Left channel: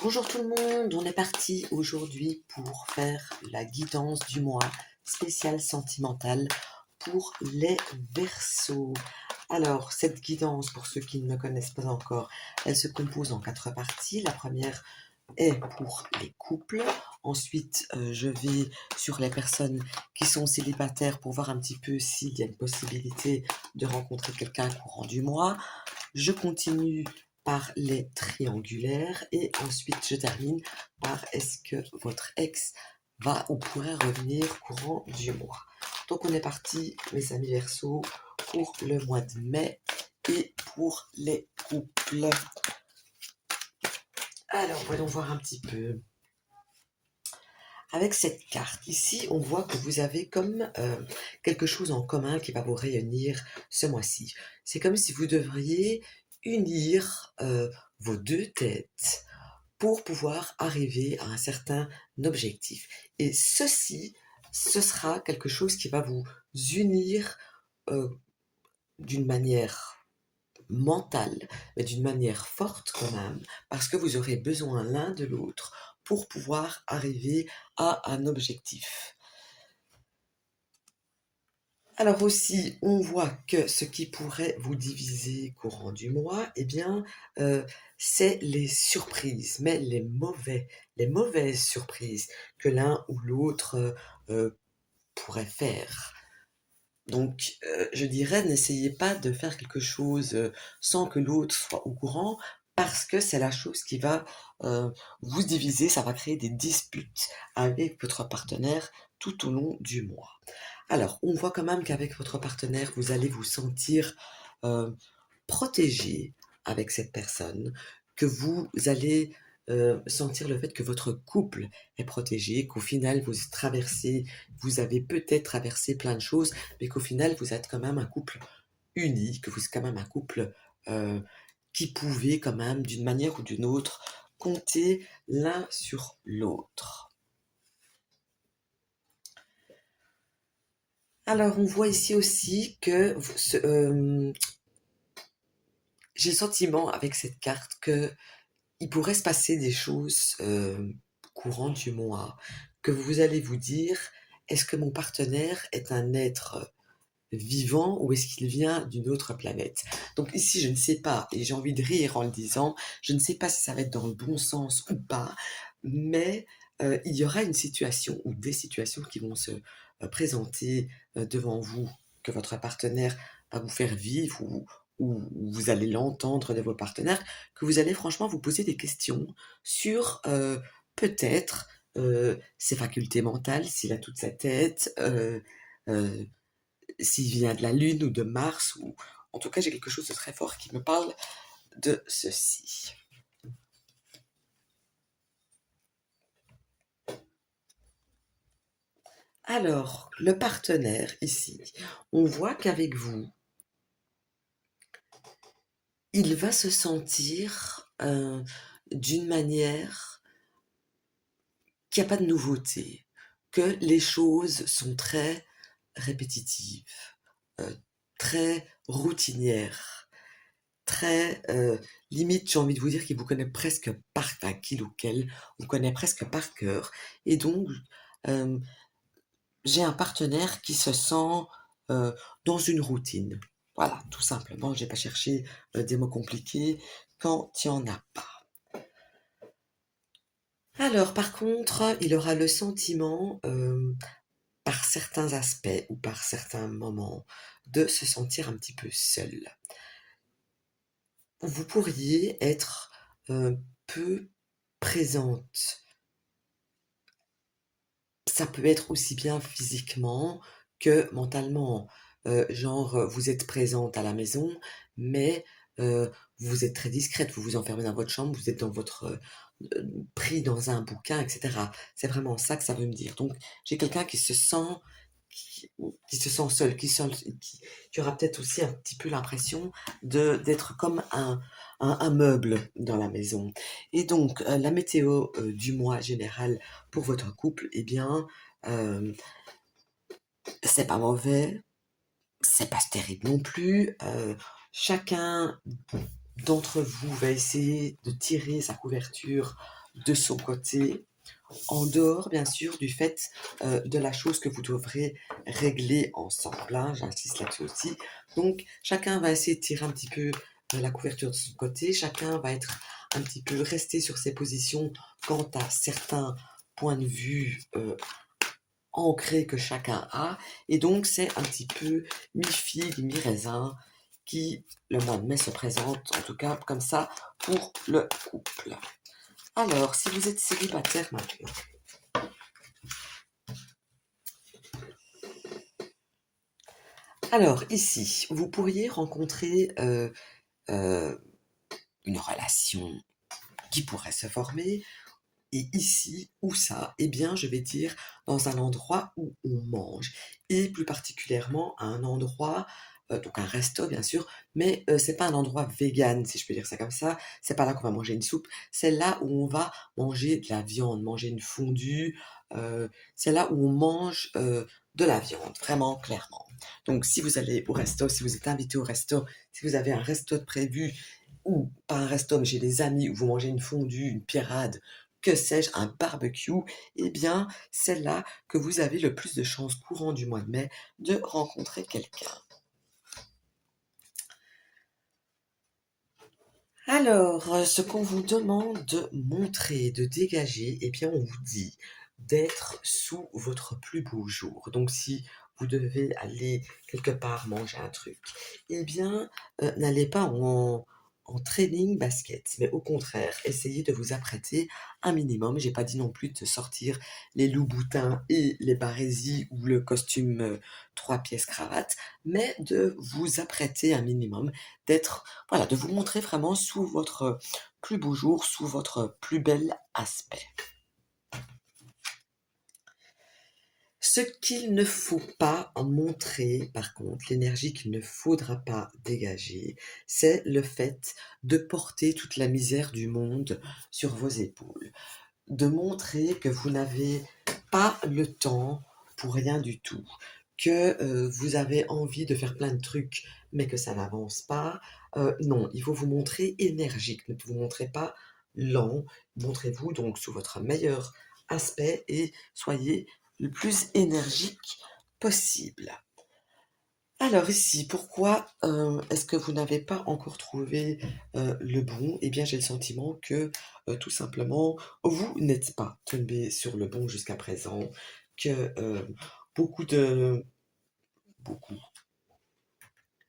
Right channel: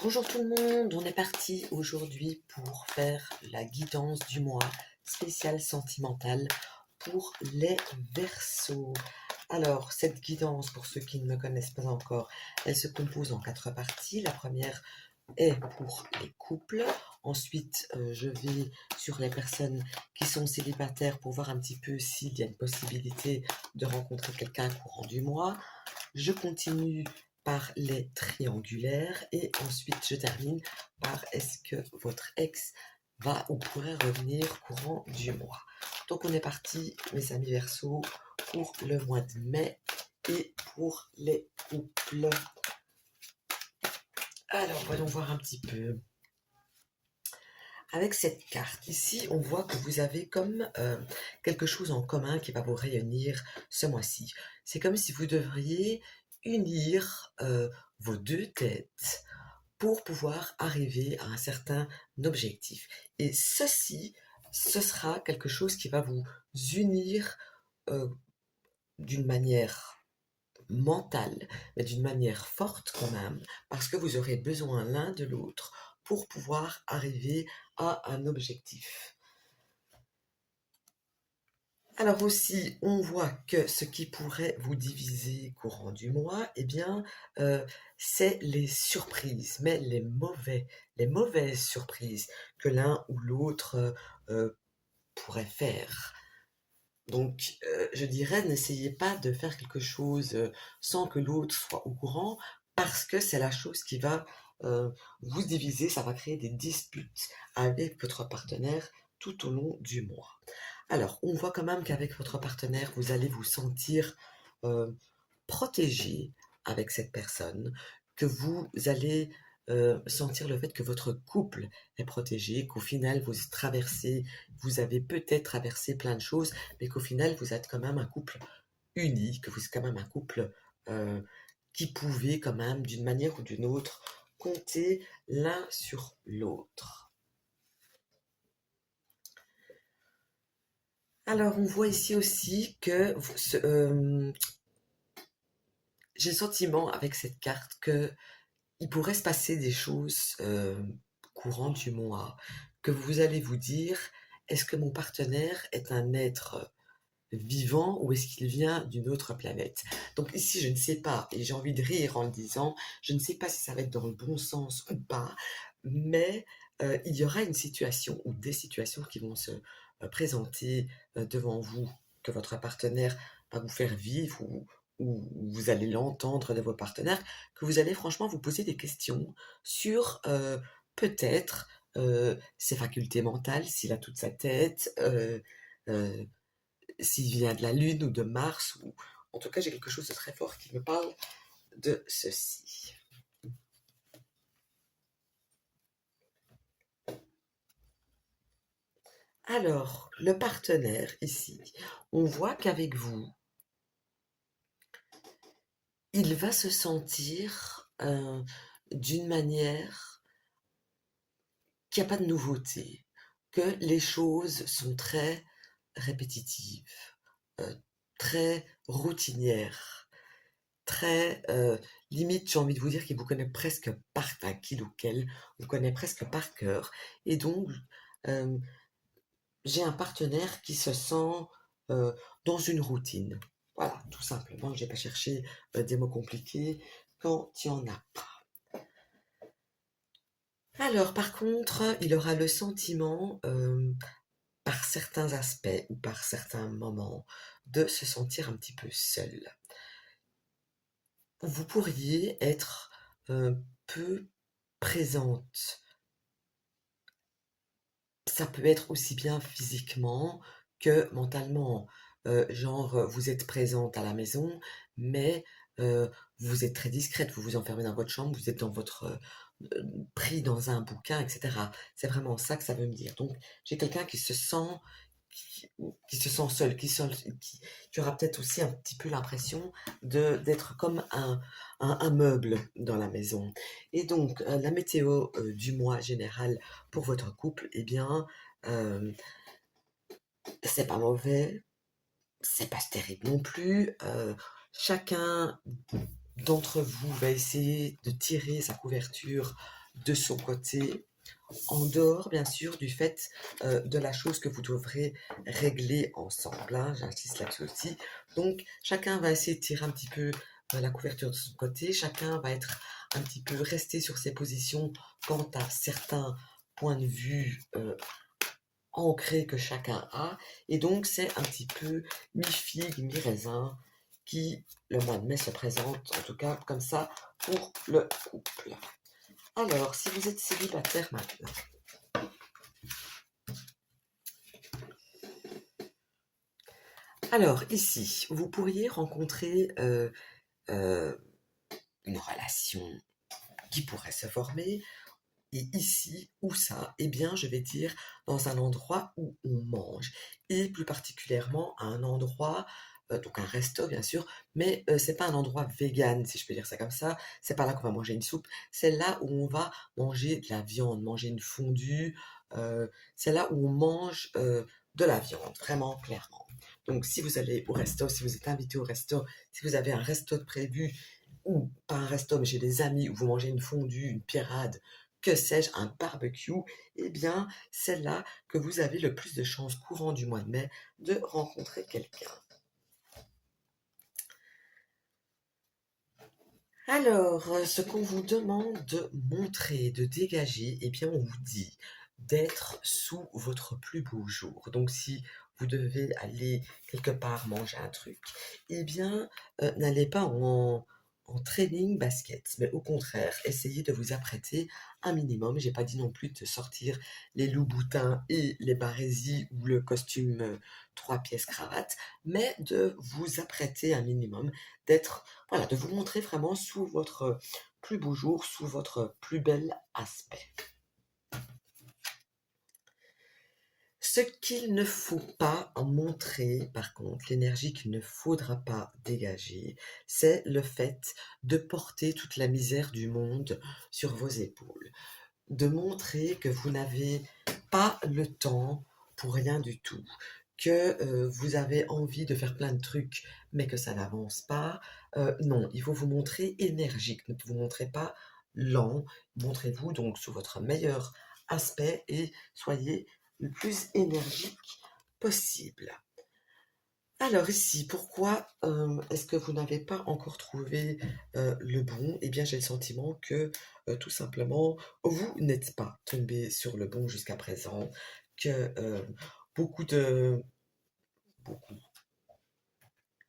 Bonjour tout le monde, on est parti aujourd'hui pour faire la guidance du mois spéciale sentimentale pour les Verseaux. Alors, cette guidance, pour ceux qui ne me connaissent pas encore, elle se compose en 4 parties. La première est pour les couples. Ensuite, je vais sur les personnes qui sont célibataires pour voir un petit peu s'il y a une possibilité de rencontrer quelqu'un courant du mois. Je continue par les triangulaires et ensuite je termine par est-ce que votre ex va ou pourrait revenir courant du mois. Donc on est parti, mes amis Verseaux, pour le mois de mai et pour les couples. Alors voyons voir un petit peu. Avec cette carte ici, on voit que vous avez comme quelque chose en commun qui va vous réunir ce mois-ci. C'est comme si vous devriez unir vos deux têtes pour pouvoir arriver à un certain objectif. Et ceci, ce sera quelque chose qui va vous unir euh, d'une manière mentale, mais d'une manière forte quand même, parce que vous aurez besoin l'un de l'autre pour pouvoir arriver à un objectif. Alors aussi, on voit que ce qui pourrait vous diviser courant du mois, eh bien, c'est les surprises, mais les mauvaises surprises que l'un ou l'autre pourrait faire. Donc, je dirais, n'essayez pas de faire quelque chose sans que l'autre soit au courant, parce que c'est la chose qui va vous diviser, ça va créer des disputes avec votre partenaire tout au long du mois. Alors, on voit quand même qu'avec votre partenaire, vous allez vous sentir euh, protégé avec cette personne, que vous allez sentir le fait que votre couple est protégé, qu'au final vous avez peut-être traversé plein de choses, mais qu'au final vous êtes quand même un couple uni, que vous êtes quand même un couple euh, qui pouvait quand même d'une manière ou d'une autre compter l'un sur l'autre. Alors on voit ici aussi que j'ai le sentiment avec cette carte que il pourrait se passer des choses courant du mois, que vous allez vous dire, est-ce que mon partenaire est un être vivant ou est-ce qu'il vient d'une autre planète? Donc ici, je ne sais pas, et j'ai envie de rire en le disant, je ne sais pas si ça va être dans le bon sens ou pas, mais il y aura une situation ou des situations qui vont se présenter devant vous, que votre partenaire va vous faire vivre ou vous allez l'entendre de vos partenaires, que vous allez franchement vous poser des questions sur peut-être ses facultés mentales, s'il a toute sa tête, euh, s'il vient de la Lune ou de Mars, ou en tout cas j'ai quelque chose de très fort qui me parle de ceci. Alors, le partenaire ici, on voit qu'avec vous, il va se sentir d'une manière qu'il n'y a pas de nouveauté, que les choses sont très répétitives, euh, très routinières, très limite, j'ai envie de vous dire qu'il vous connaît presque par taquil ou qu'elle vous connaît presque par cœur. Et donc, euh, j'ai un partenaire qui se sent euh, dans une routine. Voilà, tout simplement, j'ai pas cherché des mots compliqués quand il n'y en a pas. Alors, par contre, il aura le sentiment, par certains aspects ou par certains moments, de se sentir un petit peu seul. Vous pourriez être peu présente. Ça peut être aussi bien physiquement que mentalement. Genre, vous êtes présente à la maison, mais vous êtes très discrète, vous vous enfermez dans votre chambre, vous êtes dans votre pris dans un bouquin, etc. C'est vraiment ça que ça veut me dire. Donc, j'ai quelqu'un qui, qui se sent seul, qui aura peut-être aussi un petit peu l'impression d'être comme un meuble dans la maison. Et donc, la météo du mois général pour votre couple, eh bien, euh, c'est pas mauvais, c'est pas terrible non plus. Chacun d'entre vous va essayer de tirer sa couverture de son côté, en dehors bien sûr du fait de la chose que vous devrez régler ensemble, hein, j'insiste là-dessus aussi. Donc chacun va essayer de tirer un petit peu la couverture de son côté, chacun va être un petit peu resté sur ses positions quant à certains points de vue ancrés que chacun a, et donc c'est un petit peu mi-figue, mi-raisin qui le mois de mai se présente, en tout cas comme ça pour le couple. Alors, si vous êtes célibataire maintenant, alors ici, vous pourriez rencontrer une relation qui pourrait se former. Et ici, où ça? Eh bien, je vais dire dans un endroit où on mange. Et plus particulièrement à un endroit, donc un resto bien sûr, mais c'est pas un endroit vegan, si je peux dire ça comme ça. C'est pas là qu'on va manger une soupe. C'est là où on va manger de la viande, manger une fondue. C'est là où on mange de la viande, vraiment clairement. Donc, si vous allez au resto, si vous êtes invité au resto, si vous avez un resto de prévu, ou pas un resto, mais chez des amis où vous mangez une fondue, une pirade, que sais-je, un barbecue, eh bien, c'est là que vous avez le plus de chances courant du mois de mai de rencontrer quelqu'un. Alors, ce qu'on vous demande de montrer, de dégager, eh bien, on vous dit d'être sous votre plus beau jour. Donc, si vous devez aller quelque part manger un truc, eh bien, n'allez pas en training basket, mais au contraire, essayez de vous apprêter un minimum. J'ai pas dit non plus de sortir les loups-boutins et les barésies ou le costume 3 pièces cravate, mais de vous apprêter un minimum, d'être voilà, de vous montrer vraiment sous votre plus beau jour, sous votre plus bel aspect. Ce qu'il ne faut pas montrer, par contre, l'énergie qu'il ne faudra pas dégager, c'est le fait de porter toute la misère du monde sur vos épaules. De montrer que vous n'avez pas le temps pour rien du tout, que vous avez envie de faire plein de trucs, mais que ça n'avance pas. Non, il faut vous montrer énergique, ne vous montrez pas lent, montrez-vous donc sous votre meilleur aspect et soyez le plus énergique possible. Alors ici, pourquoi est-ce que vous n'avez pas encore trouvé le bon? Eh bien, j'ai le sentiment que tout simplement, vous n'êtes pas tombé sur le bon jusqu'à présent, que beaucoup de... beaucoup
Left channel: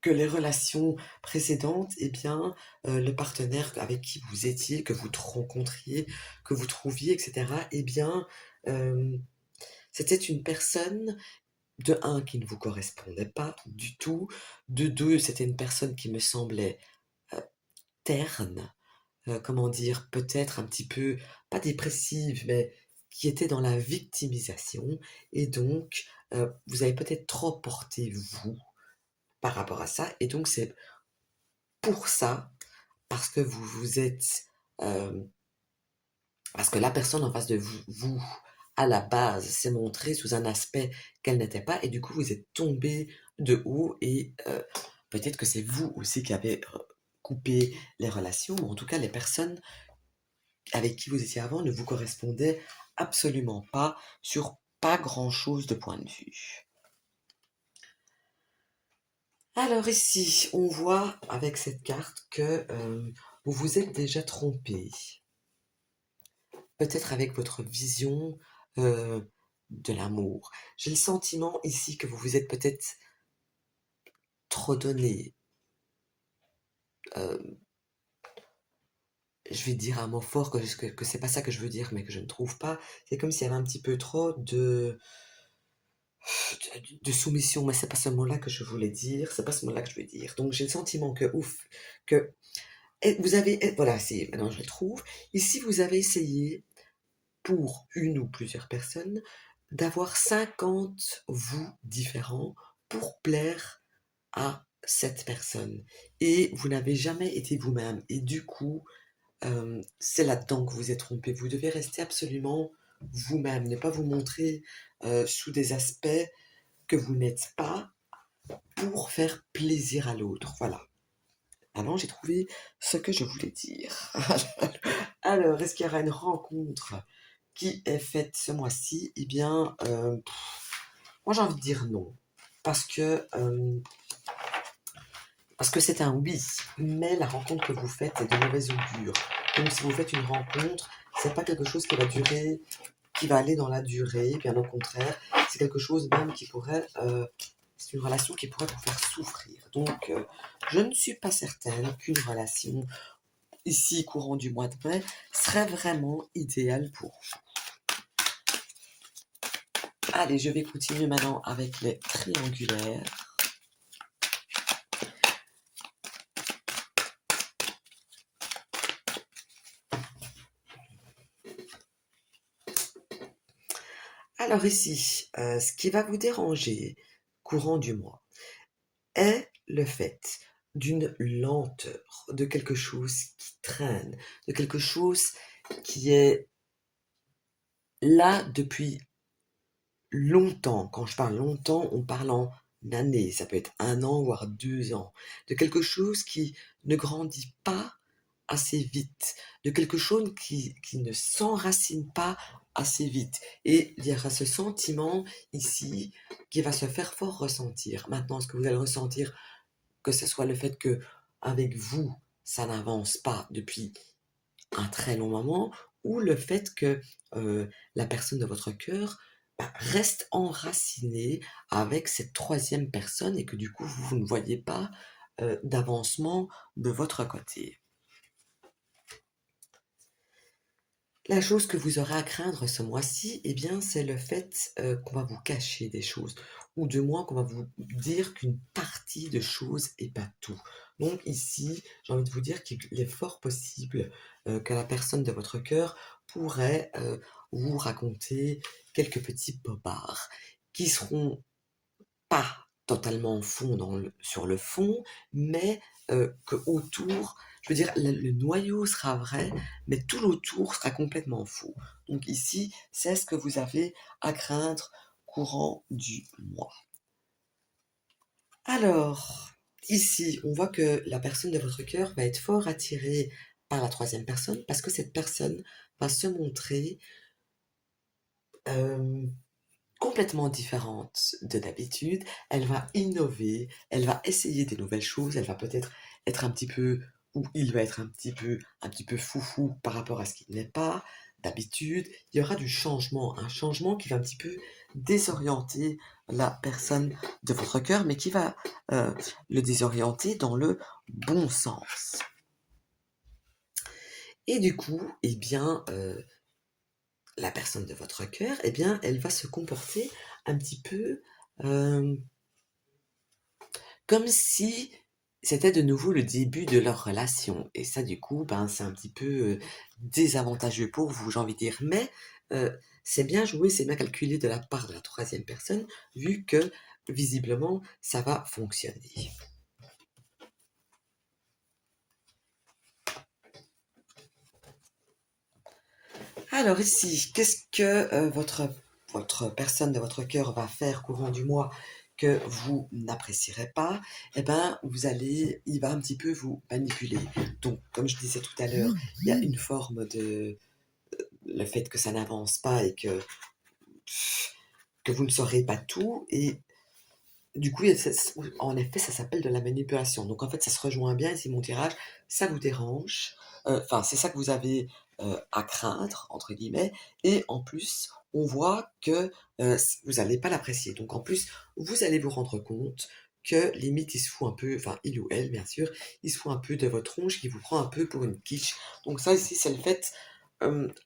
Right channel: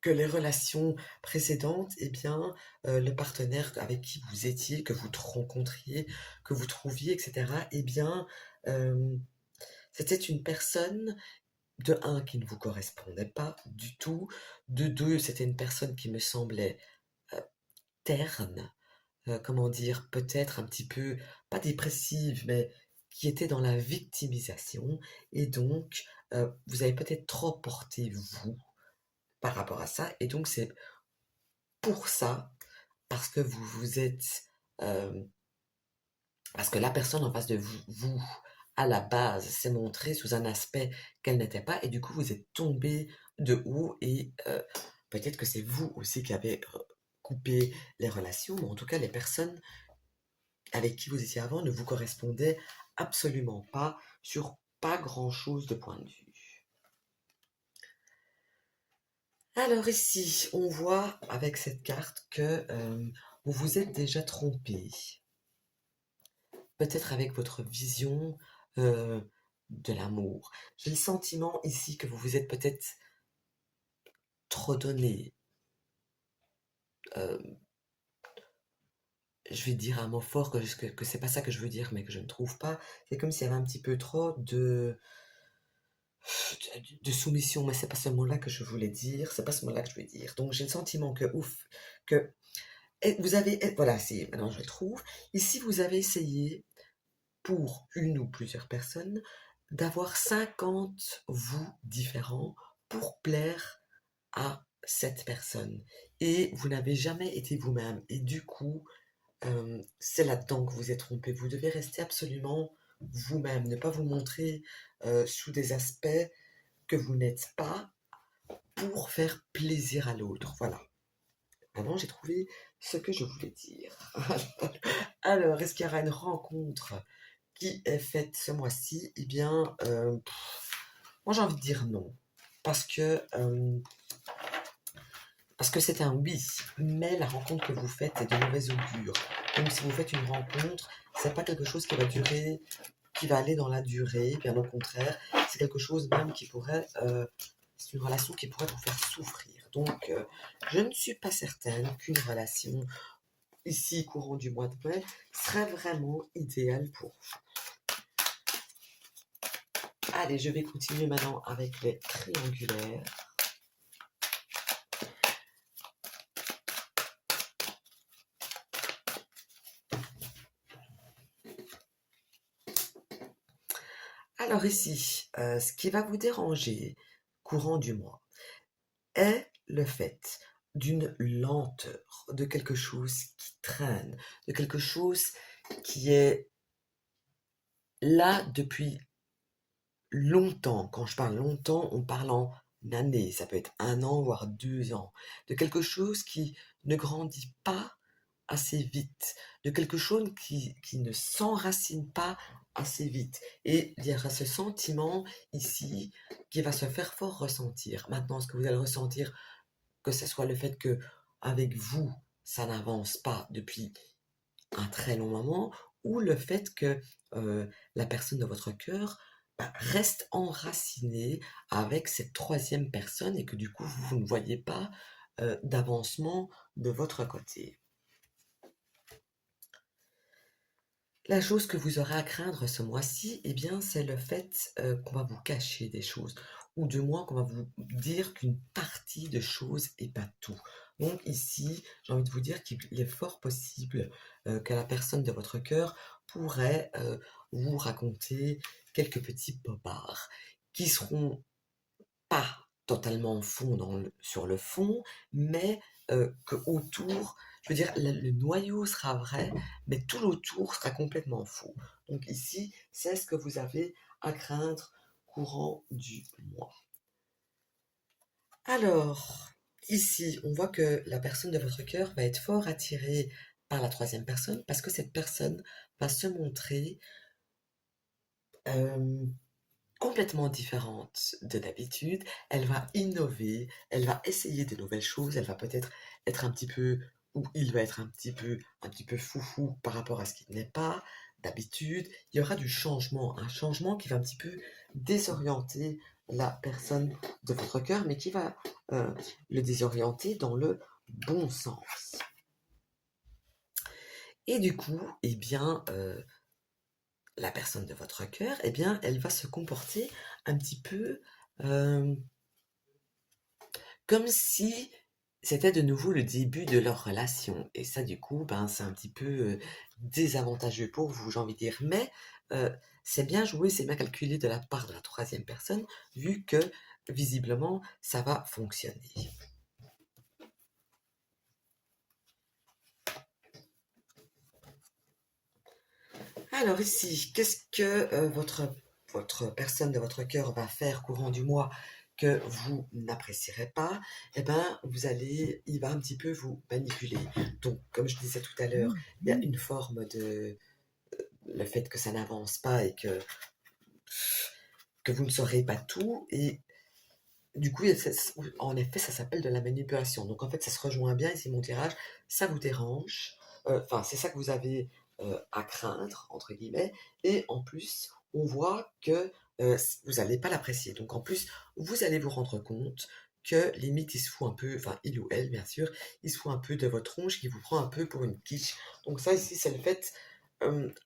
que les relations précédentes, eh bien, le partenaire avec qui vous étiez, que vous rencontriez, que vous trouviez, etc., eh bien, euh, c'était une personne de un qui ne vous correspondait pas du tout, de deux c'était une personne qui me semblait euh, terne, comment dire, peut-être un petit peu, pas dépressive, mais qui était dans la victimisation, et donc vous avez peut-être trop porté vous par rapport à ça, et donc c'est pour ça, parce que vous vous êtes, euh, parce que la personne en face de vous, à la base, s'est montrée sous un aspect qu'elle n'était pas, et du coup, vous êtes tombé de haut, et peut-être que c'est vous aussi qui avez coupé les relations, mais en tout cas, les personnes avec qui vous étiez avant ne vous correspondaient absolument pas sur pas grand-chose de point de vue. Alors ici, on voit avec cette carte que vous vous êtes déjà trompé. Peut-être avec votre vision euh, de l'amour. J'ai le sentiment ici que vous vous êtes peut-être trop donné. euh, je vais dire un mot fort que c'est pas ça que je veux dire, mais que je ne trouve pas. C'est comme s'il y avait un petit peu trop de soumission. Mais c'est pas ce mot-là que je voulais dire. C'est pas ce mot-là que je veux dire. Donc j'ai le sentiment que ouf, que vous avez, voilà, c'est maintenant je le trouve. Ici vous avez essayé pour une ou plusieurs personnes, d'avoir 50 vous différents pour plaire à cette personne. Et vous n'avez jamais été vous-même. Et du coup, c'est là-dedans que vous êtes trompé. Vous devez rester absolument vous-même, ne pas vous montrer sous des aspects que vous n'êtes pas pour faire plaisir à l'autre. Voilà. Ah non, j'ai trouvé ce que je voulais dire. Alors, est-ce qu'il y aura une rencontre qui est faite ce mois-ci? Eh bien, moi j'ai envie de dire non. Parce que, parce que c'est un oui, mais la rencontre que vous faites est de mauvaise augure. Donc si vous faites une rencontre, c'est pas quelque chose qui va durer, qui va aller dans la durée, bien au contraire, c'est quelque chose même qui pourrait, c'est une relation qui pourrait vous faire souffrir. Donc, je ne suis pas certaine qu'une relation ici, courant du mois de mai, serait vraiment idéale pour vous. Allez, je vais continuer maintenant avec les triangulaires. Alors ici, ce qui va vous déranger courant du mois est le fait d'une lenteur, de quelque chose qui traîne, de quelque chose qui est là depuis longtemps. Quand je parle longtemps, on parle en années, ça peut être 1 an, voire 2 ans, de quelque chose qui ne grandit pas assez vite, de quelque chose qui ne s'enracine pas assez vite. Et il y aura ce sentiment ici qui va se faire fort ressentir. Maintenant, est-ce que vous allez ressentir que ce soit le fait que avec vous, ça n'avance pas depuis un très long moment, ou le fait que la personne de votre cœur reste enracinée avec cette troisième personne et que du coup, vous ne voyez pas d'avancement de votre côté. La chose que vous aurez à craindre ce mois-ci, eh bien, c'est le fait qu'on va vous cacher des choses, ou de moins qu'on va vous dire qu'une partie de choses et pas tout. Donc ici, j'ai envie de vous dire qu'il est fort possible que la personne de votre cœur pourrait vous raconter quelques petits bobards qui seront pas totalement fond sur le fond, mais que autour, je veux dire, le noyau sera vrai, mais tout l'autour sera complètement faux. Donc ici, c'est ce que vous avez à craindre courant du mois. Alors, ici, on voit que la personne de votre cœur va être fort attirée par la troisième personne parce que cette personne va se montrer euh, complètement différente de d'habitude. Elle va innover, elle va essayer des nouvelles choses, elle va peut-être être un petit peu, ou il va être un petit peu foufou par rapport à ce qu'il n'est pas d'habitude. Il y aura du changement, un changement qui va un petit peu désorienter la personne de votre cœur, mais qui va le désorienter dans le bon sens. Et du coup, eh bien, la personne de votre cœur, eh bien, elle va se comporter un petit peu comme si c'était de nouveau le début de leur relation. Et ça, du coup, ben, c'est un petit peu désavantageux pour vous, j'ai envie de dire. Mais euh, c'est bien joué, c'est bien calculé de la part de la troisième personne, vu que visiblement, ça va fonctionner. Alors ici, qu'est-ce que votre personne de votre cœur va faire courant du mois que vous n'apprécierez pas? Eh ben, il va un petit peu vous manipuler. Donc, comme je disais tout à l'heure, il y a une forme de le fait que ça n'avance pas et que vous ne saurez pas tout. Et du coup, en effet, ça s'appelle de la manipulation. Donc, en fait, ça se rejoint bien ici, mon tirage. Ça vous dérange. Enfin, c'est ça que vous avez à craindre, entre guillemets. Et en plus, on voit que vous n'allez pas l'apprécier. Donc, en plus, vous allez vous rendre compte que limite, il se fout un peu, enfin, il ou elle, bien sûr, il se fout un peu de votre tronche, qui vous prend un peu pour une quiche. Donc, ça, ici, c'est le fait,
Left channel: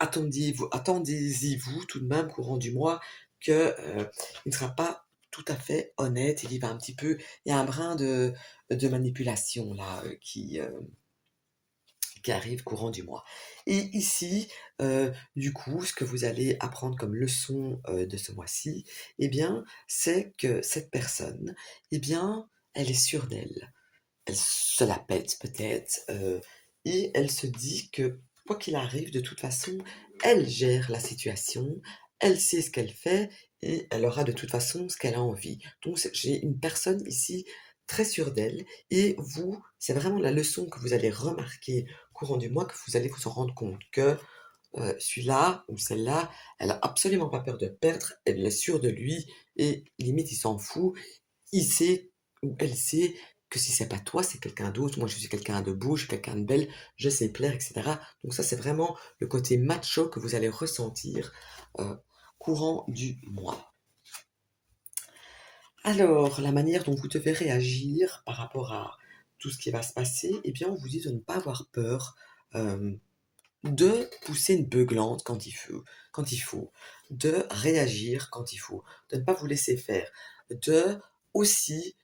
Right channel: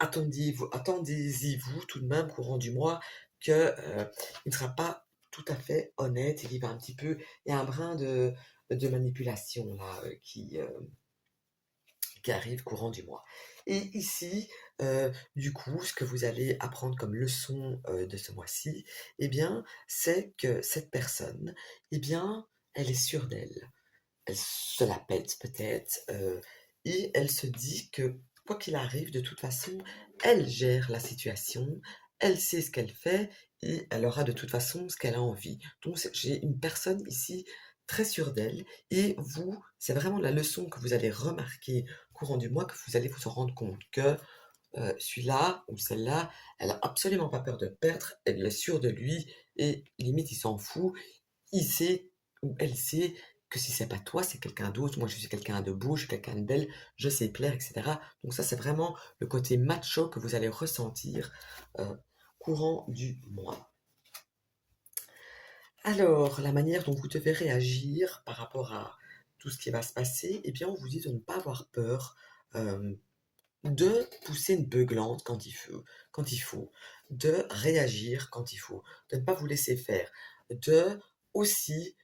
attendez-y, vous, tout de même, courant du mois, que il ne sera pas tout à fait honnête, il y va un petit peu, il y a un brin de manipulation là qui arrive courant du mois. Et ici, du coup, ce que vous allez apprendre comme leçon de ce mois-ci, eh bien, c'est que cette personne, eh bien, elle est sûre d'elle. Elle se la pète peut-être, et elle se dit que quoi qu'il arrive, de toute façon, elle gère la situation, elle sait ce qu'elle fait et elle aura de toute façon ce qu'elle a envie. Donc j'ai une personne ici très sûre d'elle et vous, c'est vraiment la leçon que vous allez remarquer courant du mois que vous allez vous en rendre compte que celui-là ou celle-là, elle a absolument pas peur de perdre, elle est sûre de lui et limite il s'en fout, il sait ou elle sait que si c'est pas toi, c'est quelqu'un d'autre. Moi, je suis quelqu'un de beau, je suis quelqu'un de belle, je sais plaire, etc. Donc ça, c'est vraiment le côté macho que vous allez ressentir euh, courant du mois. Alors, la manière dont vous devez réagir par rapport à tout ce qui va se passer, eh bien, on vous dit de ne pas avoir peur, euh, de pousser une beuglante quand il faut, de réagir quand il faut, de ne pas vous laisser faire, de aussi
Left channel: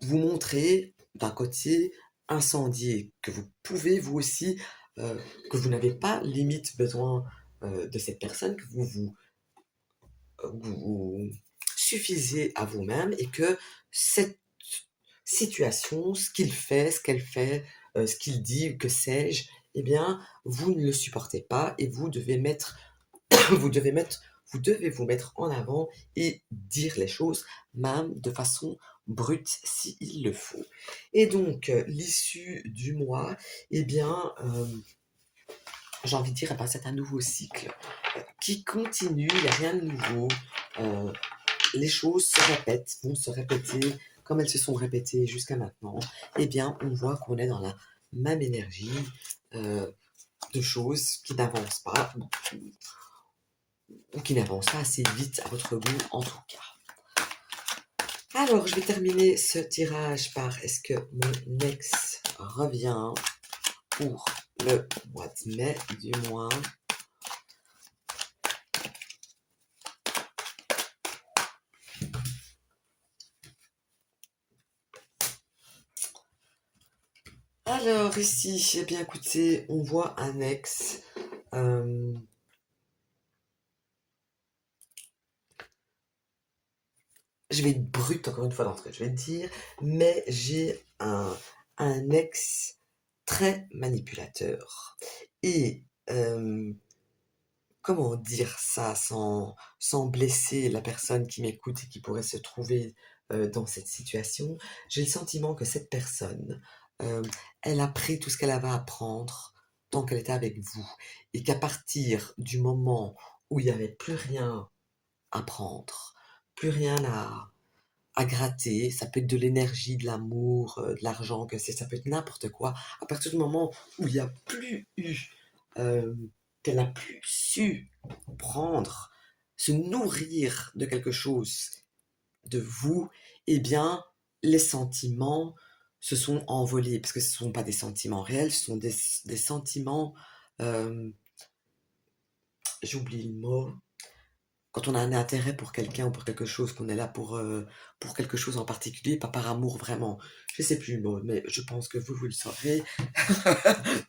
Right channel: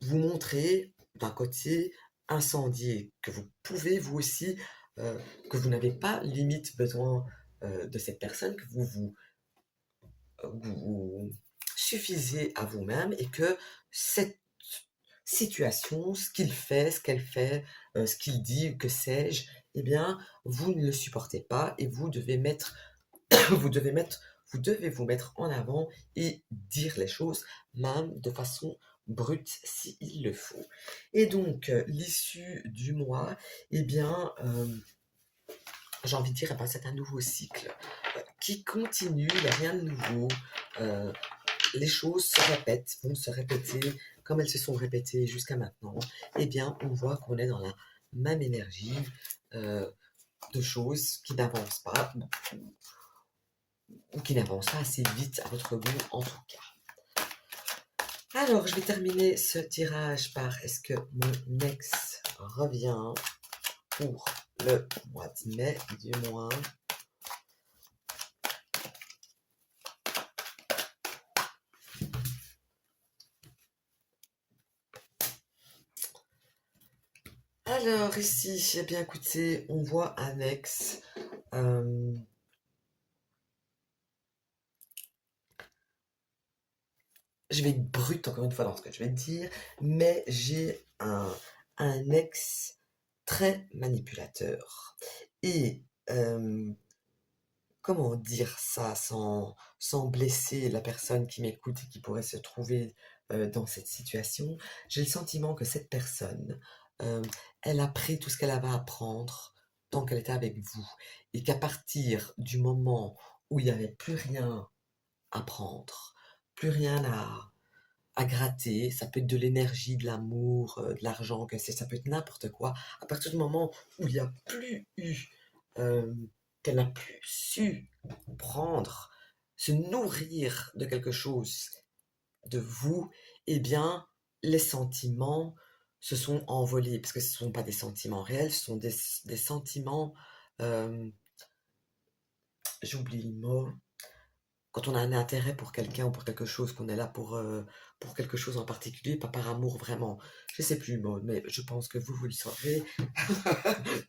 vous montrer d'un côté incendié, que vous pouvez vous aussi, que vous n'avez pas limite besoin de cette personne, que vous suffisez à vous-même et que cette situation, ce qu'il fait, ce qu'elle fait, ce qu'il dit, que sais-je, eh bien, vous ne le supportez pas et vous devez mettre, vous devez mettre, vous devez vous mettre en avant et dire les choses, même de façon brute s'il le faut. Et donc, l'issue du mois, eh bien, j'ai envie de dire, eh ben, c'est un nouveau cycle qui continue, il n'y a rien de nouveau. Euh, les choses se répètent, vont se répéter comme elles se sont répétées jusqu'à maintenant. Eh bien, on voit qu'on est dans la même énergie euh, de choses qui n'avancent pas, ou qui n'avancent pas assez vite à votre goût en tout cas. Alors, je vais terminer ce tirage par est-ce que mon ex revient pour le mois de mai du moins. Alors ici, eh bien écoutez, on voit un ex. Je vais être brute encore une fois dans ce que je vais te dire, mais j'ai un ex très manipulateur. Et comment dire ça sans blesser la personne qui m'écoute et qui pourrait se trouver dans cette situation? J'ai le sentiment que cette personne, euh, elle a pris tout ce qu'elle avait à apprendre tant qu'elle était avec vous. Et qu'à partir du moment où il n'y avait plus rien à prendre, plus rien à gratter, ça peut être de l'énergie, de l'amour, de l'argent, que c'est, ça peut être n'importe quoi. À partir du moment où il n'y a plus eu, euh, qu'elle n'a plus su prendre, se nourrir de quelque chose de vous, eh bien, les sentiments se sont envolés, parce que ce ne sont pas des sentiments réels, ce sont des sentiments, euh, j'oublie le mot, quand on a un intérêt pour quelqu'un ou pour quelque chose, qu'on est là pour quelque chose en particulier, pas par amour vraiment. Je sais plus le mot, mais je pense que vous le saurez.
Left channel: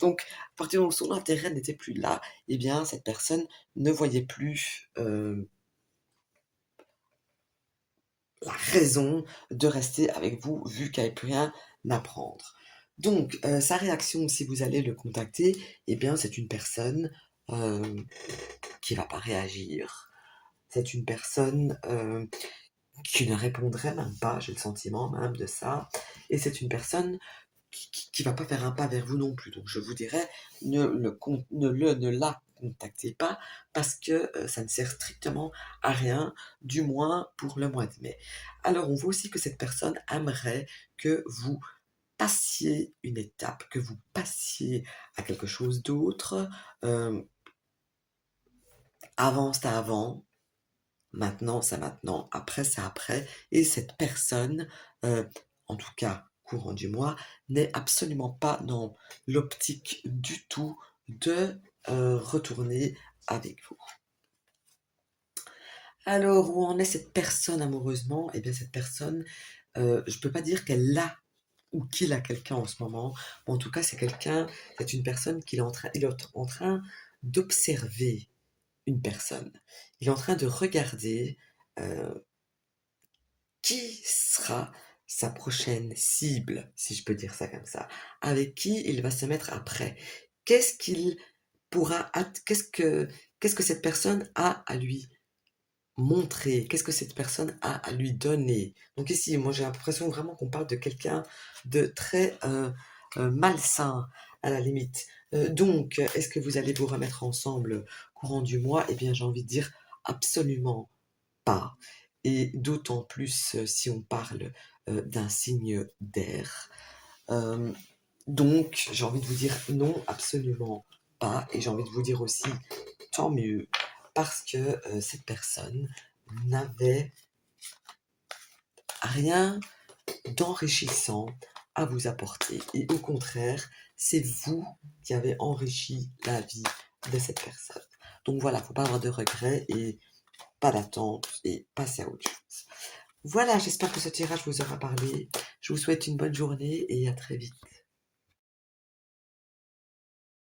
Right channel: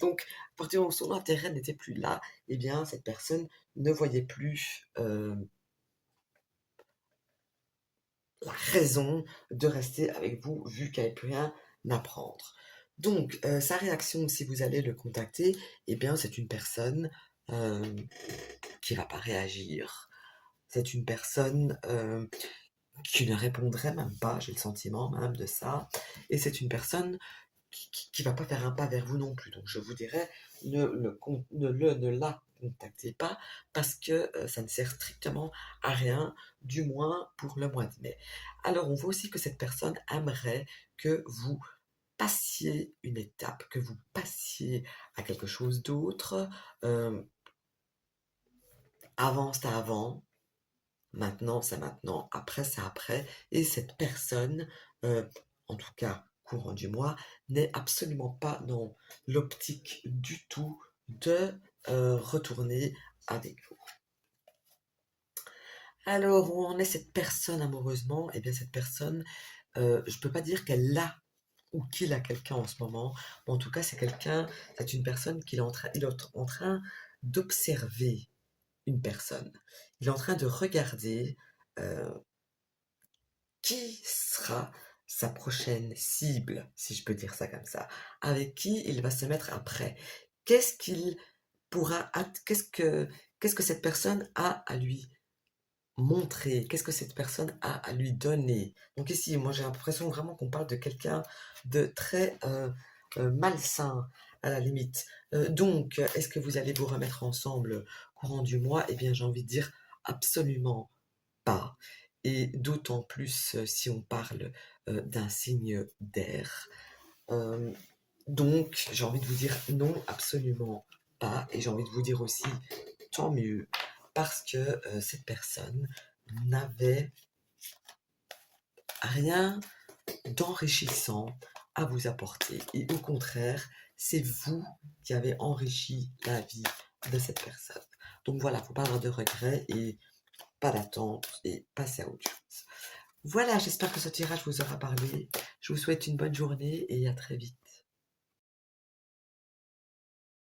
Donc, à partir du moment où son intérêt n'était plus là, eh bien, cette personne ne voyait plus la raison de rester avec vous, vu qu'elle n'avait plus rien à prendre. Donc, sa réaction, si vous allez le contacter, eh bien, c'est une personne euh, qui ne va pas réagir. C'est une personne qui ne répondrait même pas, j'ai le sentiment même de ça. Et c'est une personne qui va pas faire un pas vers vous non plus. Donc je vous dirais, ne la contactez pas parce que ça ne sert strictement à rien, du moins pour le mois de mai. Alors on voit aussi que cette personne aimerait que vous passiez une étape, que vous passiez à quelque chose d'autre. Euh, Avant, c'était avant, maintenant, c'est maintenant, après, c'est après. Et cette personne, euh, en tout cas courant du mois, n'est absolument pas dans l'optique du tout de retourner avec vous. Alors, où en est cette personne amoureusement? Eh bien, cette personne, je ne peux pas dire qu'elle a ou qu'il a quelqu'un en ce moment. En tout cas, c'est une personne il est en train d'observer une personne. Il est en train de regarder euh, qui sera sa prochaine cible, si je peux dire ça comme ça, avec qui il va se mettre après. Qu'est-ce qu'il pourra, qu'est-ce que cette personne a à lui montrer, qu'est-ce que cette personne a à lui donner. Donc ici, moi j'ai l'impression vraiment qu'on parle de quelqu'un de très malsain à la limite. Donc, est-ce que vous allez vous remettre ensemble courant du mois? Eh bien, j'ai envie de dire absolument pas. Et d'autant plus si on parle d'un signe d'air. Euh, donc, j'ai envie de vous dire non, absolument pas. Et j'ai envie de vous dire aussi tant mieux, parce que cette personne n'avait rien d'enrichissant à vous apporter. Et au contraire, c'est vous qui avez enrichi la vie de cette personne. Donc voilà, il ne faut pas avoir de regrets et pas d'attente et passer à autre chose. Voilà, j'espère que ce tirage vous aura parlé. Je vous souhaite une bonne journée et à très vite.